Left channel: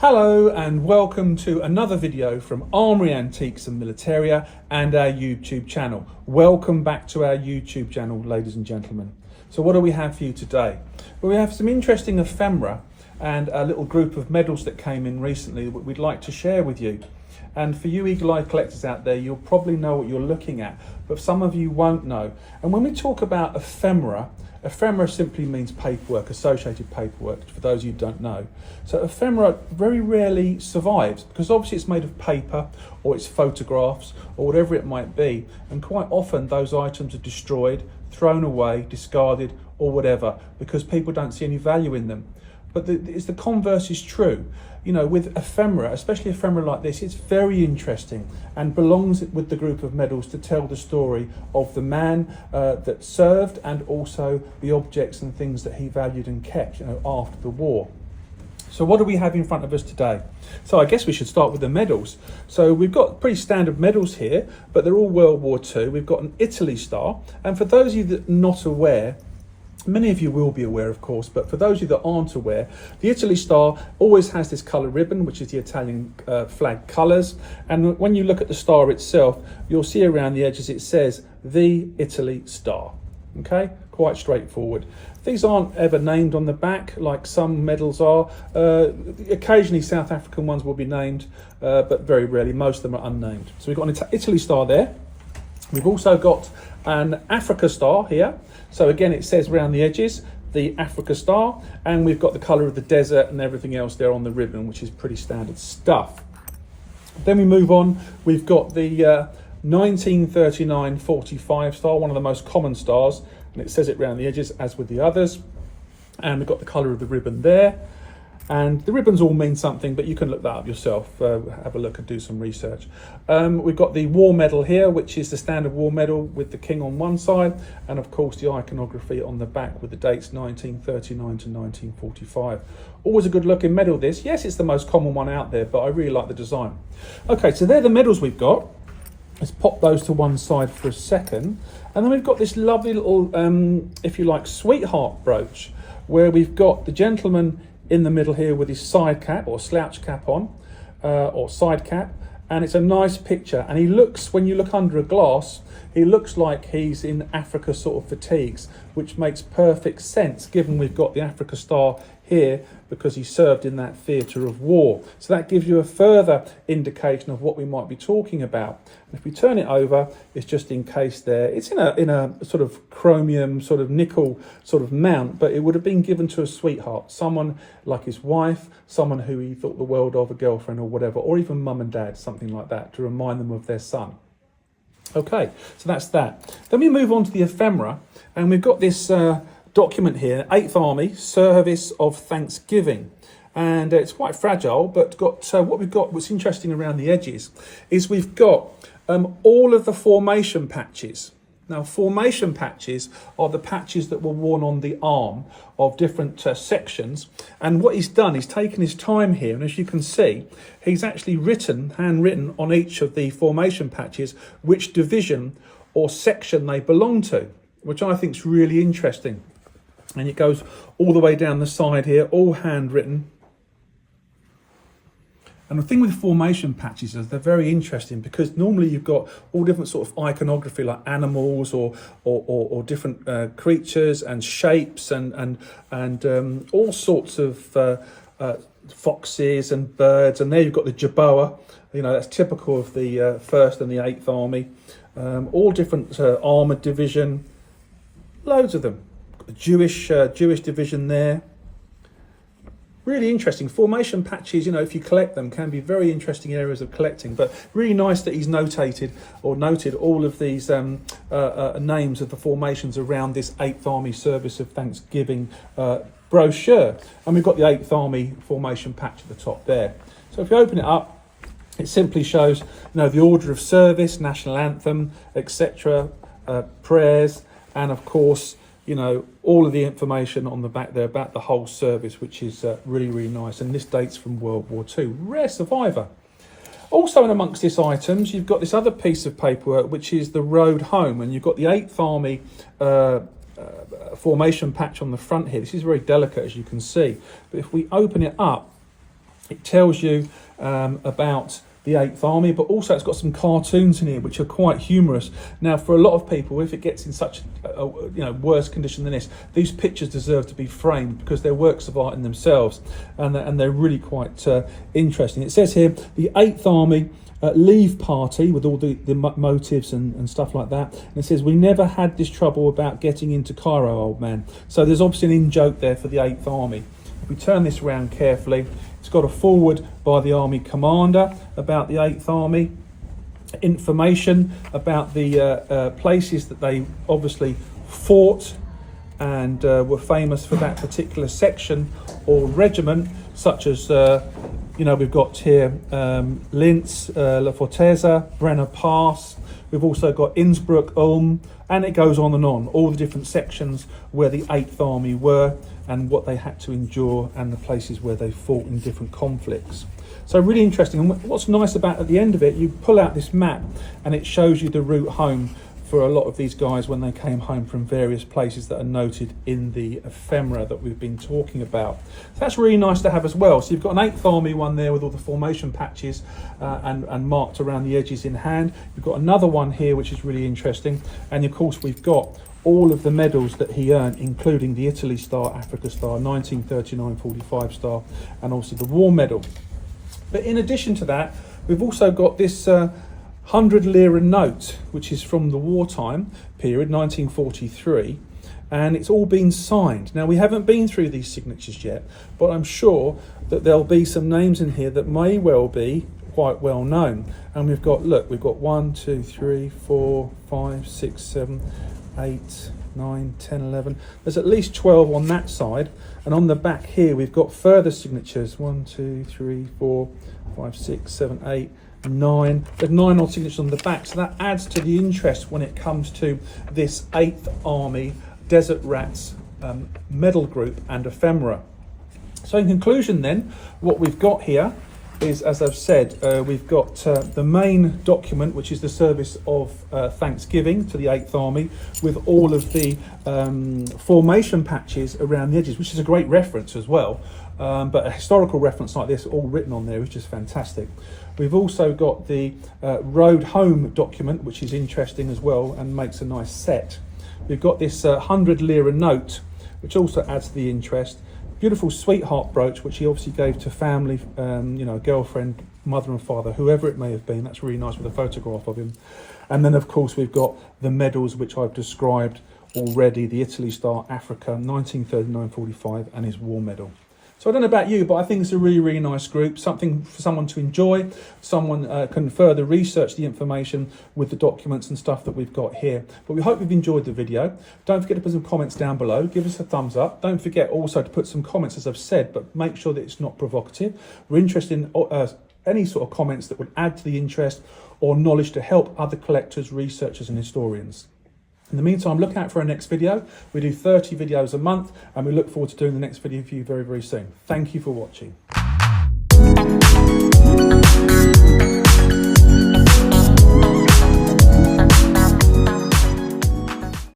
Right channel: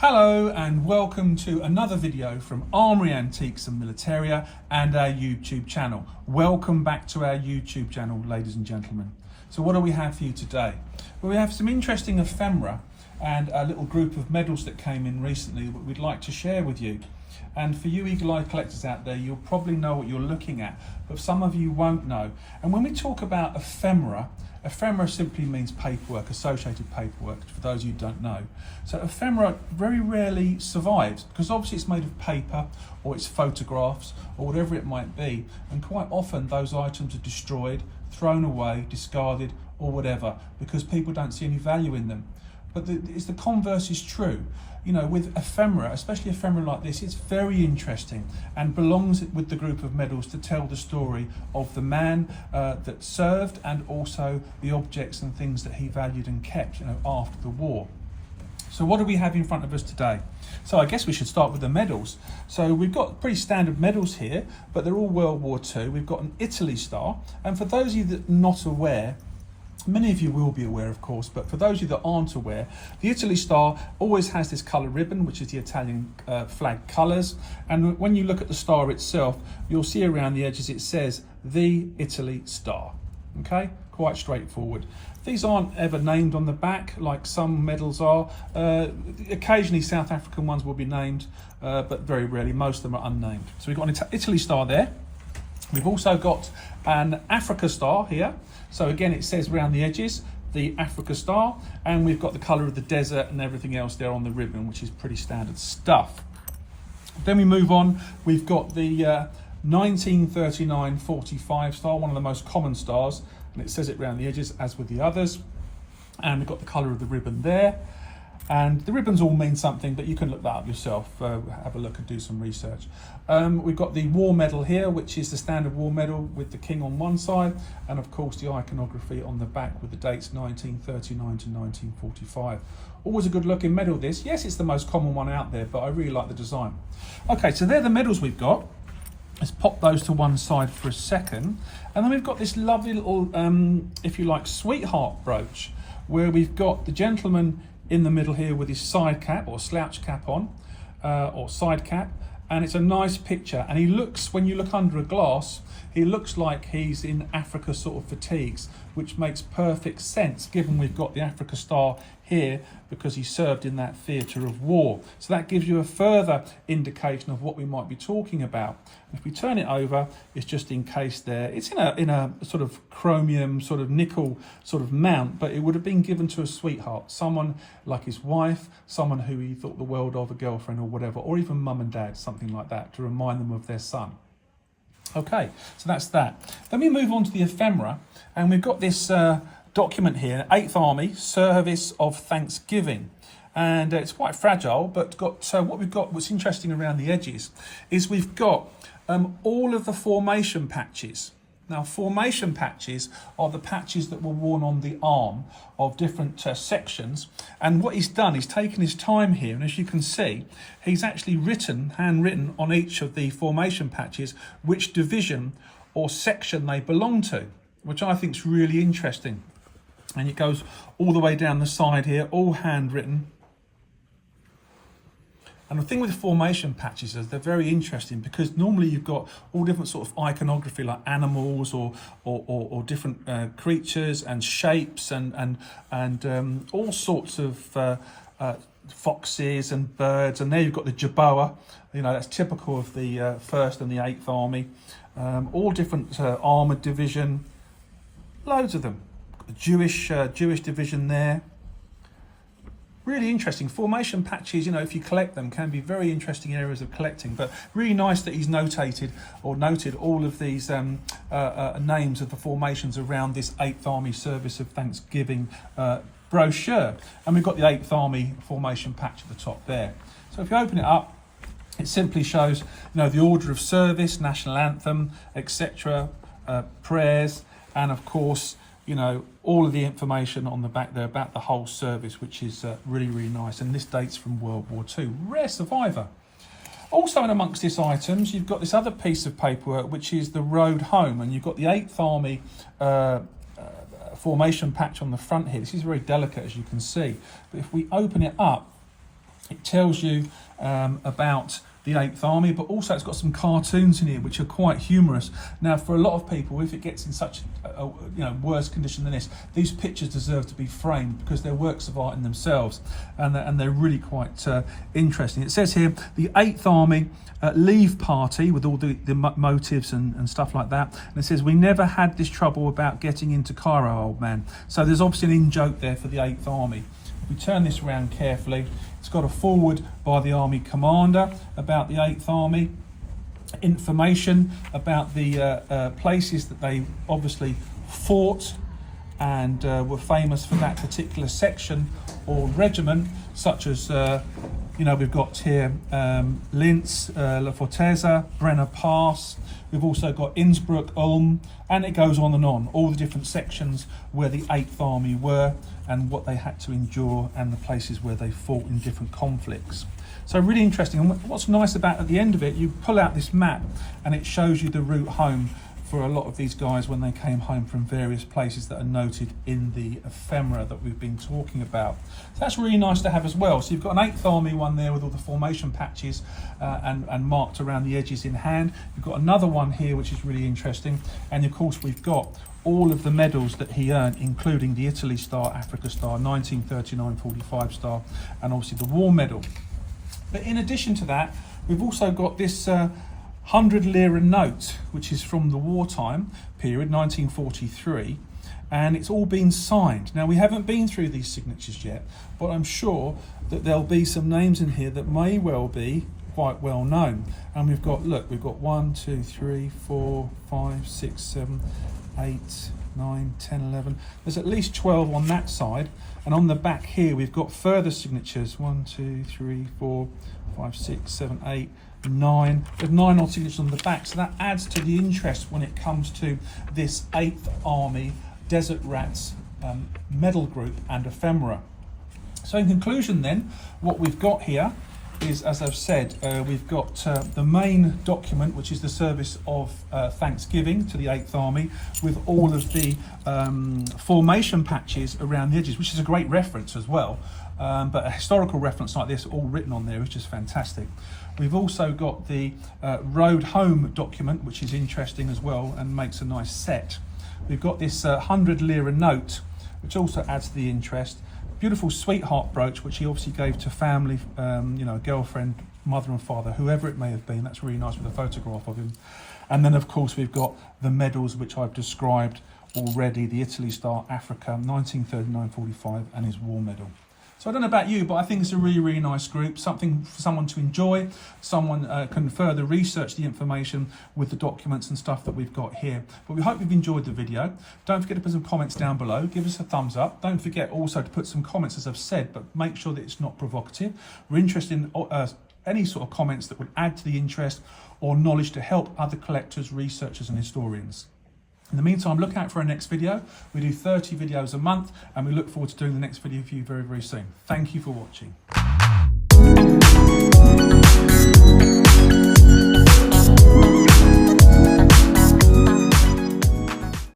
Hello and welcome to another video from Armoury Antiques and Militaria and our YouTube channel. Welcome back to our YouTube channel, ladies and gentlemen. So what do we have for you today? Well, we have some interesting ephemera and a little group of medals that came in recently that we'd like to share with you. And for you eagle-eyed collectors out there, you'll probably know what you're looking at, but some of you won't know. And when we talk about ephemera, ephemera simply means paperwork, associated paperwork, for those of you who don't know. So ephemera very rarely survives because obviously it's made of paper or it's photographs or whatever it might be. And quite often those items are destroyed, thrown away, discarded or whatever because people don't see any value in them. But the converse is true. You know, with ephemera, especially ephemera like this, it's very interesting and belongs with the group of medals to tell the story of the man that served and also the objects and things that he valued and kept, you know, after the war. So what do we have in front of us today? So I guess we should start with the medals. So we've got pretty standard medals here, but they're all World War II. We've got an Italy star, and for those of you that are not aware, many of you will be aware, of course, but for those of you that aren't aware, the Italy star always has this colour ribbon, which is the Italian flag colours. And when you look at the star itself, you'll see around the edges it says, the Italy star. Okay, quite straightforward. These aren't ever named on the back like some medals are. Occasionally South African ones will be named, but very rarely. Most of them are unnamed. So we've got an Italy star there. We've also got an Africa star here. So again, it says around the edges, the Africa star, and we've got the colour of the desert and everything else there on the ribbon, which is pretty standard stuff. Then we move on, we've got the 1939-45 star, one of the most common stars, and it says it around the edges as with the others. And we've got the colour of the ribbon there. And the ribbons all mean something, but you can look that up yourself, have a look and do some research. We've got the war medal here, which is the standard war medal with the king on one side, and of course the iconography on the back with the dates 1939 to 1945. Always a good looking medal this. Yes, it's the most common one out there, but I really like the design. Okay, so they're the medals we've got. Let's pop those to one side for a second. And then we've got this lovely little, if you like, sweetheart brooch, where we've got the gentleman in the middle here with his side cap or slouch cap on, or side cap, and it's a nice picture. And he looks, when you look under a glass, he looks like he's in Africa sort of fatigues, which makes perfect sense given we've got the Africa star here because he served in that theatre of war. So that gives you a further indication of what we might be talking about. If we turn it over, it's just encased there. It's in a sort of chromium, sort of nickel sort of mount, but it would have been given to a sweetheart, someone like his wife, someone who he thought the world of, a girlfriend or whatever, or even mum and dad, something like that, to remind them of their son. Okay, so that's that. Then we move on to the ephemera, and we've got this document here, 8th Army Service of Thanksgiving. And it's quite fragile, but what's interesting around the edges is we've got all of the formation patches. Now, formation patches are the patches that were worn on the arm of different sections. And what he's done, he's taken his time here. And as you can see, he's actually handwritten on each of the formation patches, which division or section they belong to, which I think is really interesting. And it goes all the way down the side here, all handwritten. And the thing with formation patches is they're very interesting because normally you've got all different sort of iconography like animals or different creatures and shapes and all sorts of foxes and birds. And there you've got the jerboa, you know, that's typical of the 1st and the 8th Army. All different armoured division, loads of them. Got the Jewish division there. Really interesting. Formation patches, you know, if you collect them, can be very interesting areas of collecting, but really nice that he's noted all of these names of the formations around this 8th Army Service of Thanksgiving brochure. And we've got the 8th Army formation patch at the top there. So if you open it up, it simply shows, you know, the order of service, national anthem, etc., prayers, and of course, you know, all of the information on the back there about the whole service, which is really, really nice. And this dates from World War II. Rare survivor. Also in amongst these items, you've got this other piece of paperwork, which is the road home. And you've got the 8th Army formation patch on the front here. This is very delicate, as you can see. But if we open it up, It tells you about the 8th Army, but also it's got some cartoons in here which are quite humorous. Now, for a lot of people, if it gets in such worse condition than this, these pictures deserve to be framed because they're works of art in themselves, and they're really quite interesting. It says here, the 8th Army leave party, with all the motives and stuff like that, and it says, we never had this trouble about getting into Cairo, old man. So there's obviously an in-joke there for the 8th Army. If we turn this around carefully, it's got a foreword by the Army Commander about the 8th Army, information about the places that they obviously fought and were famous for that particular section or regiment, such as, we've got here Linz, La Forteza, Brenner Pass. We've also got Innsbruck, Ulm, and it goes on and on, all the different sections where the 8th Army were and what they had to endure and the places where they fought in different conflicts. So really interesting. And what's nice about, at the end of it, you pull out this map and it shows you the route home for a lot of these guys when they came home from various places that are noted in the ephemera that we've been talking about. So that's really nice to have as well. So you've got an 8th Army one there with all the formation patches and marked around the edges in hand. You've got another one here which is really interesting, and of course we've got all of the medals that he earned, including the Italy Star, Africa Star, 1939-45 Star, and obviously the War Medal. But in addition to that, we've also got this 100 lira note, which is from the wartime period, 1943, and it's all been signed. Now, we haven't been through these signatures yet, but I'm sure that there'll be some names in here that may well be quite well known. And we've got 1, 2, 3, 4, 5, 6, 7, 8, 9, 10, 11. There's at least 12 on that side, and on the back here we've got further signatures. 1, 2, 3, 4, 5, 6, 7, 8, 9. There's 9 odd signatures on the back, so that adds to the interest when it comes to this 8th Army Desert Rats medal group and ephemera. So in conclusion then, what we've got here is, as I've said, we've got the main document, which is the service of Thanksgiving to the 8th Army, with all of the formation patches around the edges, which is a great reference as well. But a historical reference like this, all written on there, is just fantastic. We've also got the Road Home document, which is interesting as well and makes a nice set. We've got this 100 lira note, which also adds to the interest. Beautiful sweetheart brooch, which he obviously gave to family, girlfriend, mother and father, whoever it may have been. That's really nice with a photograph of him. And then, of course, we've got the medals, which I've described already, the Italy Star, Africa, 1939-45, and his War Medal. So I don't know about you, but I think it's a really, really nice group, something for someone to enjoy. Someone can further research the information with the documents and stuff that we've got here. But we hope you've enjoyed the video. Don't forget to put some comments down below. Give us a thumbs up. Don't forget also to put some comments, as I've said, but make sure that it's not provocative. We're interested in any sort of comments that would add to the interest or knowledge to help other collectors, researchers and historians. In the meantime, look out for our next video. We do 30 videos a month, and we look forward to doing the next video for you very, very soon. Thank you for watching.